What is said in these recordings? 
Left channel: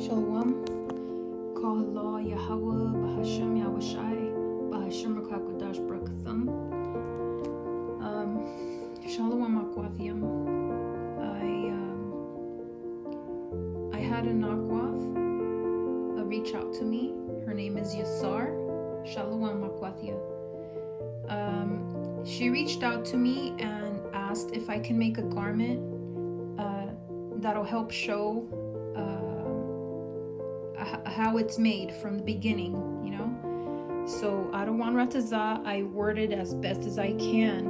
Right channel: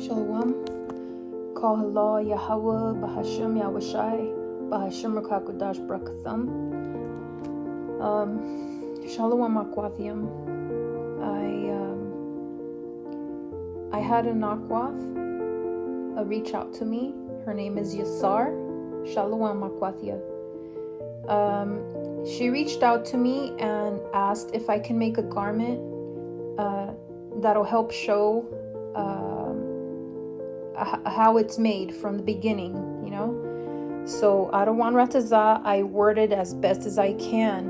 Shalawam. Call Allah Yahawah, BAHASHAM, YAHAWASHI, BAHASHAM, Barakyam. Shalawam Akwathiyam. I had an Akwath reach out to me. Her name is Yasar. Shalawam Akwathia. She reached out to me and asked if I can make a garment that'll help show how it's made from the beginning, you know. So Adawan Rataza, I worded as best as I can,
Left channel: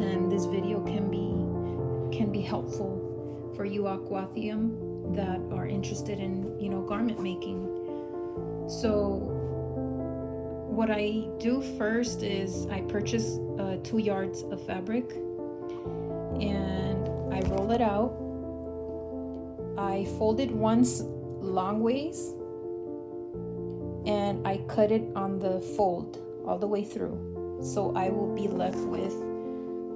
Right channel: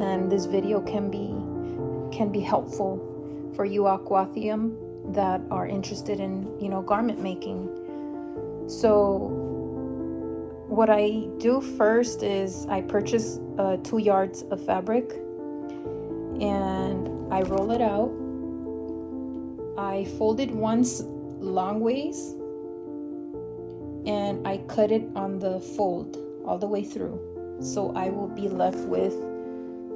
and this video can be helpful for you Akwathium that are interested in, you know, garment making. So what I do first is I purchase 2 yards of fabric and I roll it out. I fold it once long ways and I cut it on the fold all the way through. So I will be left with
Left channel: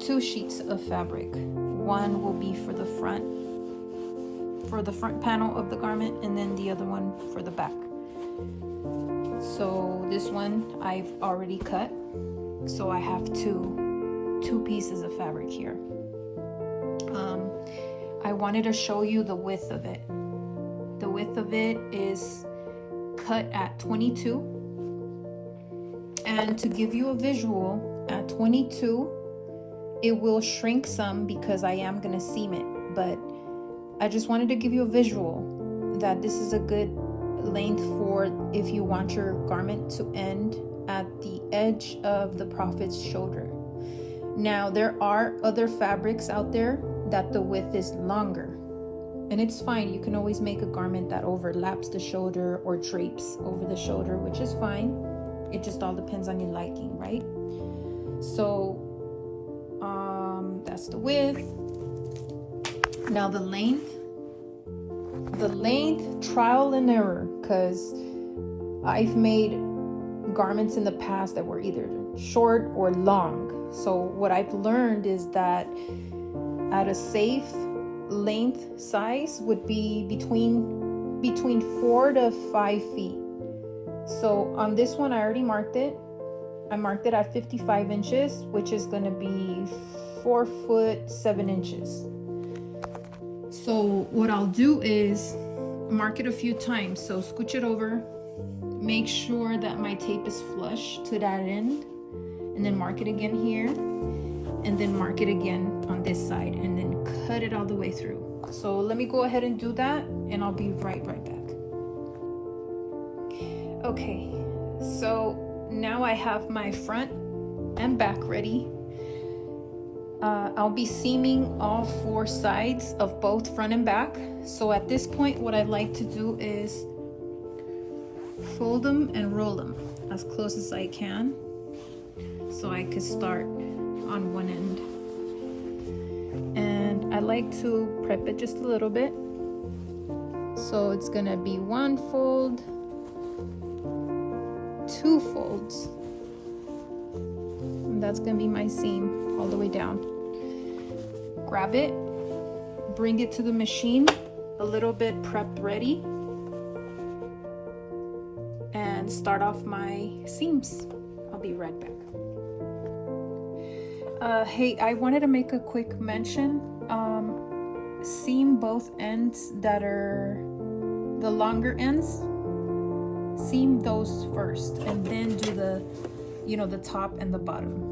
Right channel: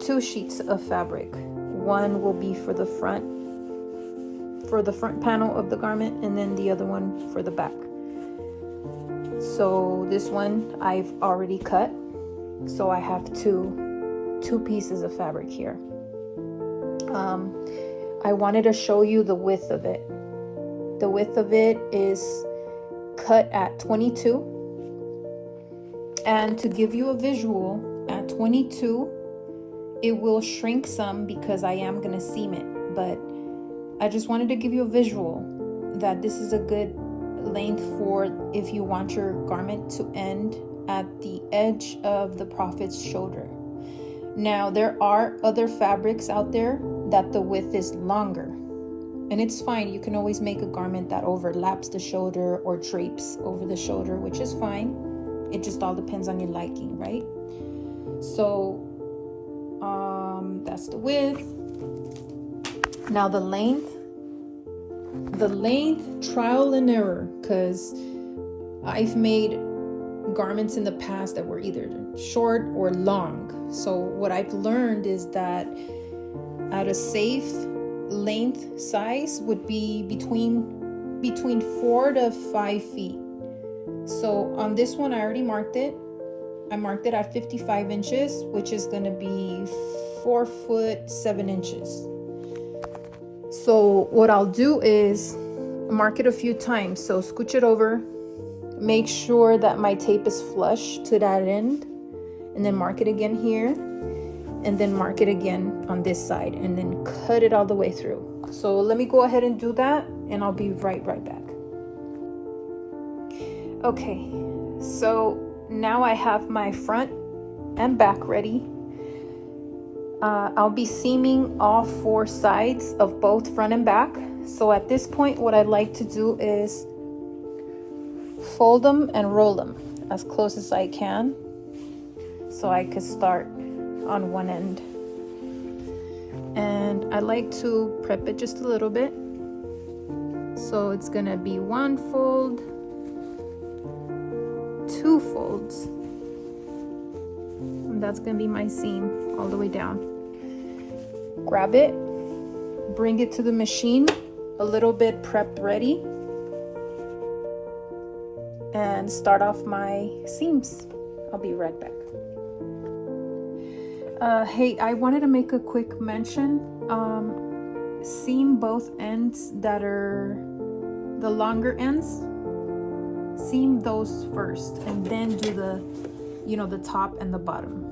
2 sheets of fabric. One will be for the front panel of the garment, and then the other one for the back. So this one I've already cut, so I have two pieces of fabric here. I wanted to show you the width of it. The width of it is cut at 22, and to give you a visual, at 22 it will shrink some because I am going to seam it, but I just wanted to give you a visual that this is a good length for if you want your garment to end at the edge of the prophet's shoulder. Now there are other fabrics out there that the width is longer, and it's fine. You can always make a garment that overlaps the shoulder or drapes over the shoulder, which is fine. It just all depends on your liking, right? So that's the width. Now the length, trial and error, because I've made garments in the past that were either short or long. So what I've learned is that at a safe length size would be between 4 to 5 feet. So on this one I already marked it. I marked it at 55 inches, which is going to be 4 foot 7 inches. So what I'll do is mark it a few times. So scooch it over, make sure that my tape is flush to that end, and then mark it again here, and then mark it again on this side, and then cut it all the way through. So let me go ahead and do that, and I'll be right back. Okay, so now I have my front and back ready. I'll be seaming all 4 sides of both front and back. So at this point, what I'd like to do is fold them and roll them as close as I can, so I could start on one end. And I like to prep it just a little bit. So it's gonna be 1 fold, 2 folds, and that's gonna be my seam all the way down. Grab it, bring it to the machine, a little bit prepped ready, and start off my seams. I'll be right back. Hey, I wanted to make a quick mention. Seam both ends that are the longer ends. Seam those first, and then do the, you know, the top and the bottom.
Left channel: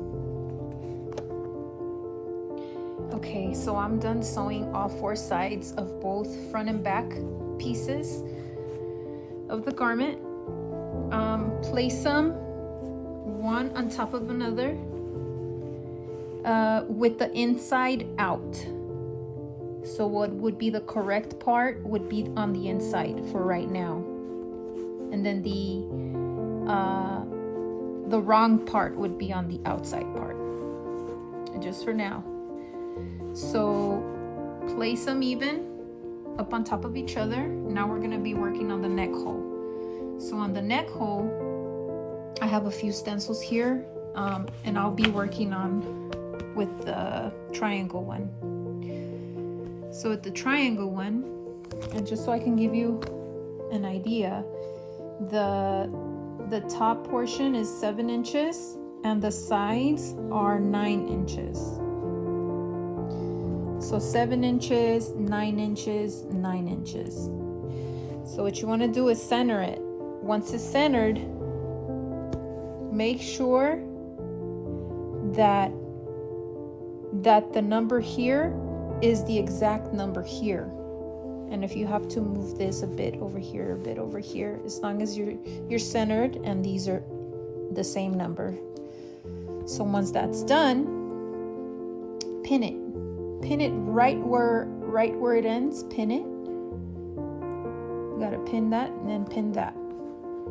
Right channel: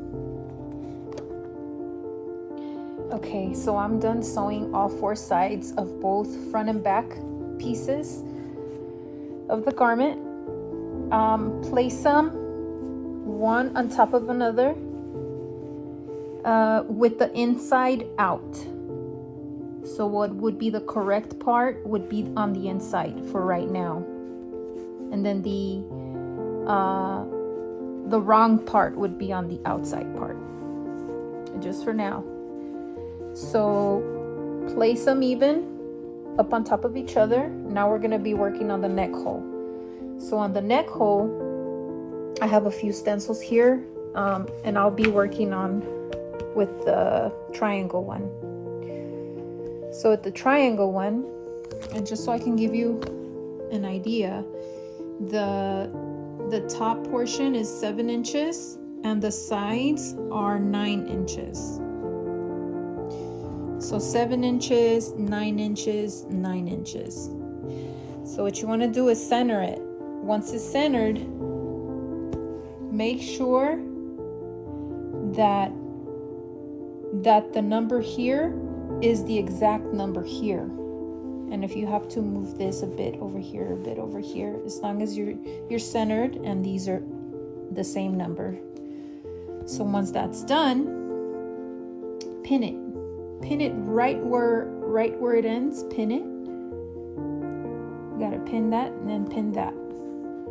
Okay, so I'm done sewing all 4 sides of both front and back pieces of the garment. Place them one on top of another with the inside out. So what would be the correct part would be on the inside for right now, and then the wrong part would be on the outside part, just for now. So place them even up on top of each other. Now we're going to be working on the neck hole. So on the neck hole, I have a few stencils here, and I'll be working on with the triangle one. So at the triangle one, And just so I can give you an idea, the top portion is 7 inches and the sides are 9 inches. So 7 inches, 9 inches, 9 inches. So what you want to do is center it. Once it's centered, make sure that the number here is the exact number here. And if you have to move this a bit over here, a bit over here, as long as you're centered and these are the same number. So once that's done, pin it. Pin it right where it ends. Pin it. You gotta pin that and then pin that.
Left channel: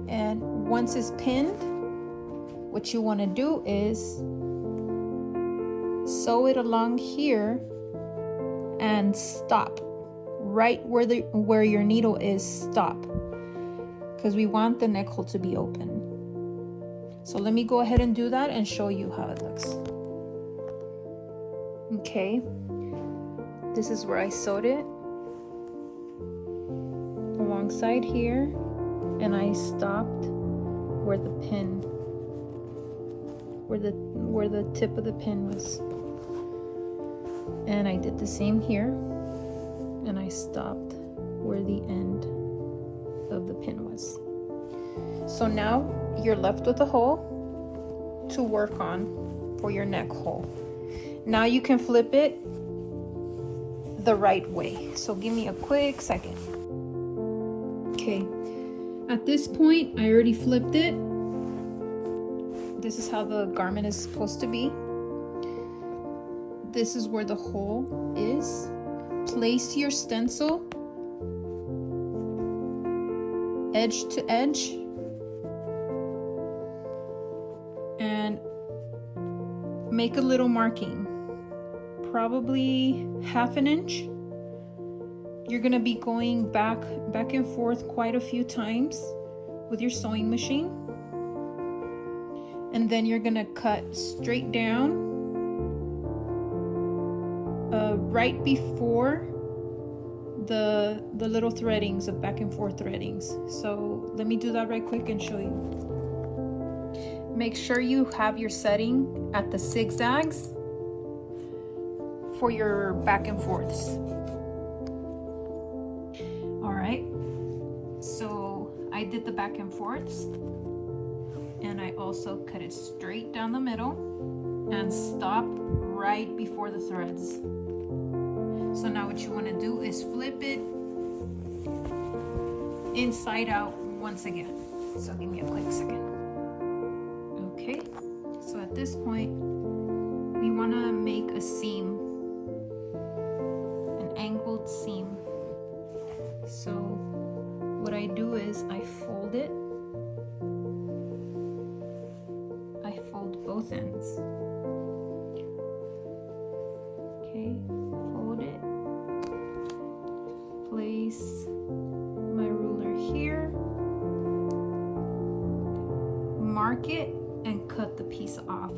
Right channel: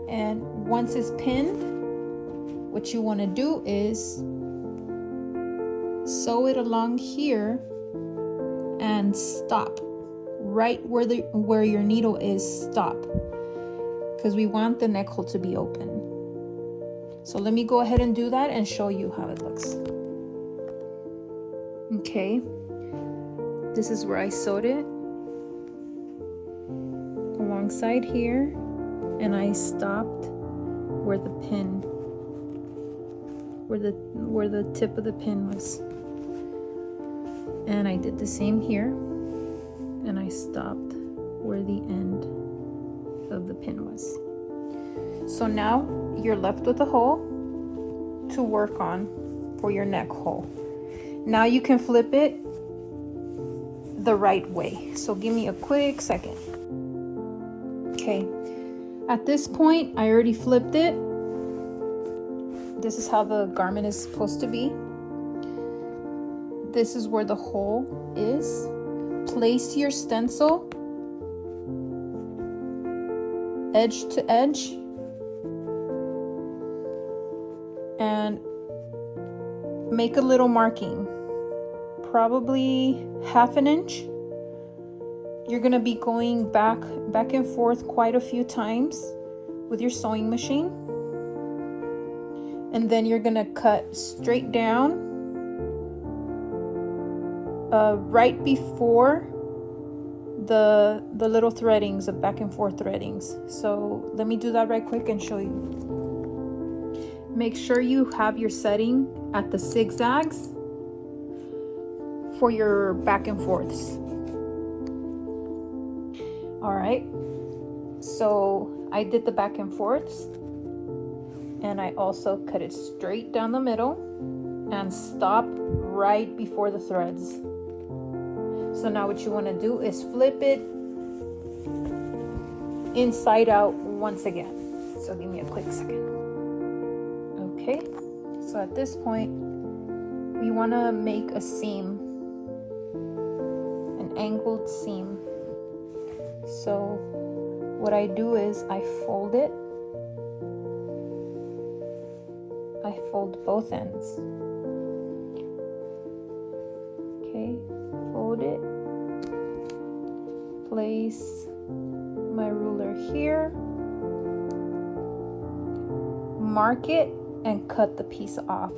And once it's pinned, what you want to do is sew it along here and stop right where your needle is. Stop, because we want the neck hole to be open. So let me go ahead and do that and show you how it looks. Okay, this is where I sewed it alongside here, and I stopped where the pin, where the tip of the pin was. And I did the same here, and I stopped where the end of the pin was. So now you're left with a hole to work on for your neck hole. Now you can flip it the right way. So give me a quick second. Okay, at this point I already flipped it. This is how the garment is supposed to be. This is where the hole is. Place your stencil edge to edge and make a little marking, probably 1/2 inch. You're gonna be going back and forth quite a few times with your sewing machine, and then you're gonna cut straight down right before the little threadings, of back and forth threadings. So let me do that right quick and show you. Make sure you have your setting at the zigzags for your back and forths. All right, so I did the back and forths, and I also cut it straight down the middle and stop right before the threads. So now what you want to do is flip it inside out once again. So give me a quick second. Okay, so at this point we want to make a seam, an angled seam. So what I do is I fold it. I fold both ends. Okay, fold it. Place my ruler here. Mark it and cut the piece off.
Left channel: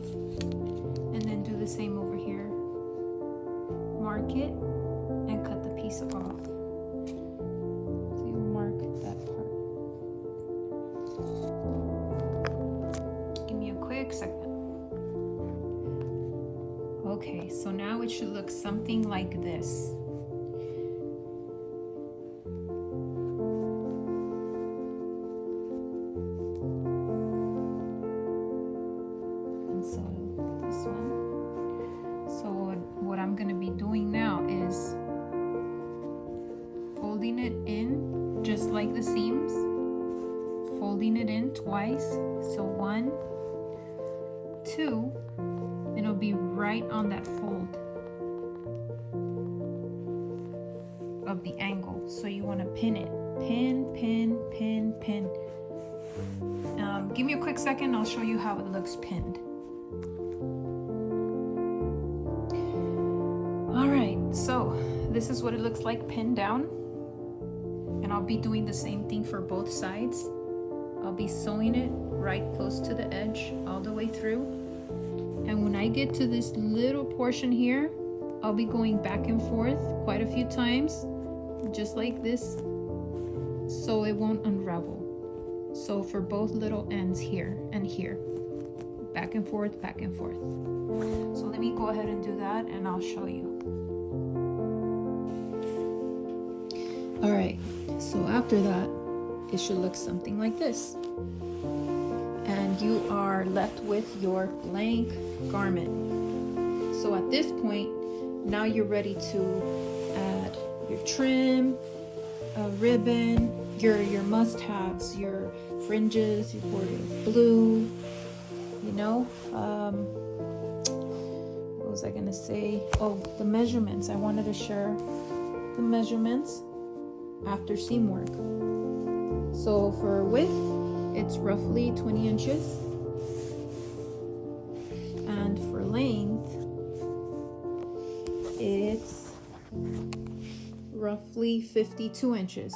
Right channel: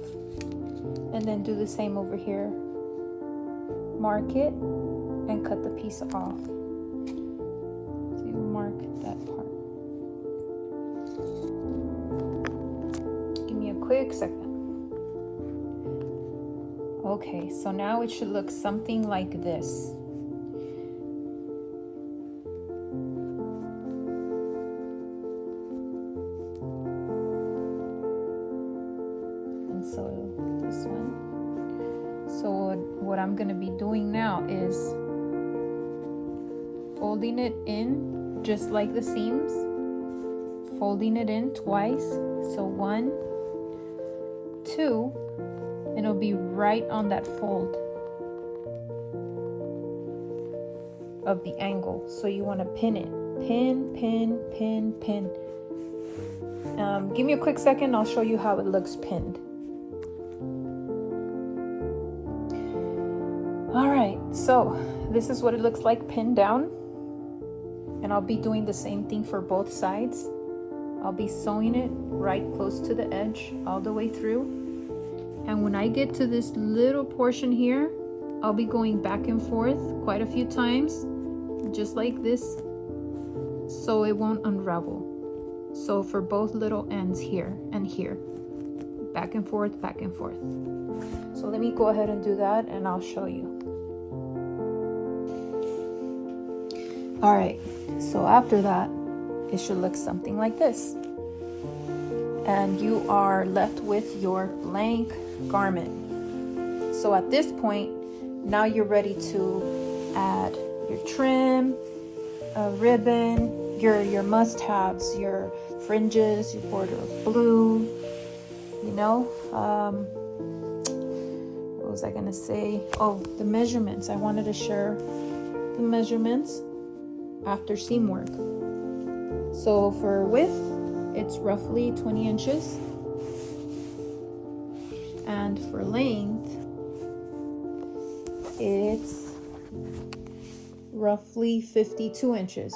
And then do the same over here. Mark it and cut the piece off. So you mark that part. Give me a quick second. Okay, so now it should look something like this. And so this one. So what I'm going to be doing now is folding it in just like the seams, folding it in twice. So 1, 2, and it'll be right on that fold of the angle. So you want to pin it. Pin, pin, pin, pin. Give me a quick second, I'll show you how it looks pinned. Alright, so this is what it looks like pinned down. And I'll be doing the same thing for both sides. I'll be sewing it right close to the edge all the way through. And when I get to this little portion here, I'll be going back and forth quite a few times, just like this, so it won't unravel. So for both little ends here and here, back and forth, back and forth. So let me go ahead and do that and I'll show you. All right, so after that, it should look something like this. And you are left with your blank garment. So at this point, now you're ready to add your trim, a ribbon, your must-haves, your fringes, your border of blue, you know. What was I gonna say? Oh, the measurements. I wanted to share the measurements after seam work. So for width, it's roughly 20 inches. And for length, it's roughly 52 inches,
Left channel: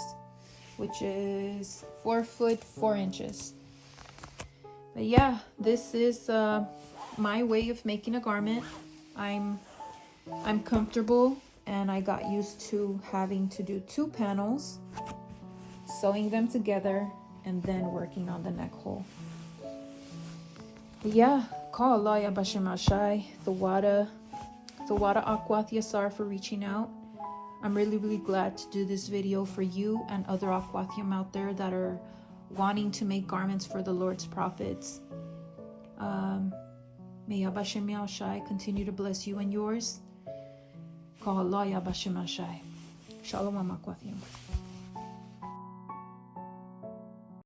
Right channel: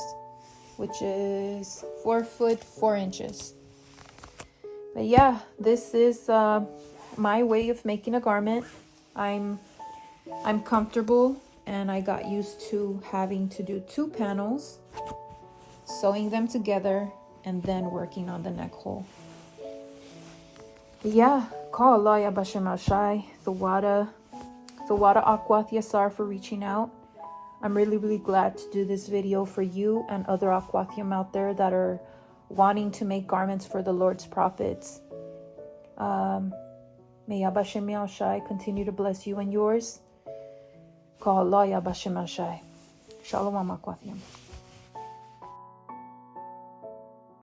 which is 4 foot 4 inches. But yeah, this is my way of making a garment. I'm comfortable, and I got used to having to do 2 panels, sewing them together, and then working on the neck hole. But yeah, call Allah YAHAWASHI, the Wada Akwat Yasar for reaching out. I'm really glad to do this video for you and other Akwatyam out there that are wanting to make garments for the Lord's prophets. May YAHAWASHI continue to bless you and yours. Call Allah YAHAWASHI. Shalawam Akwatyam.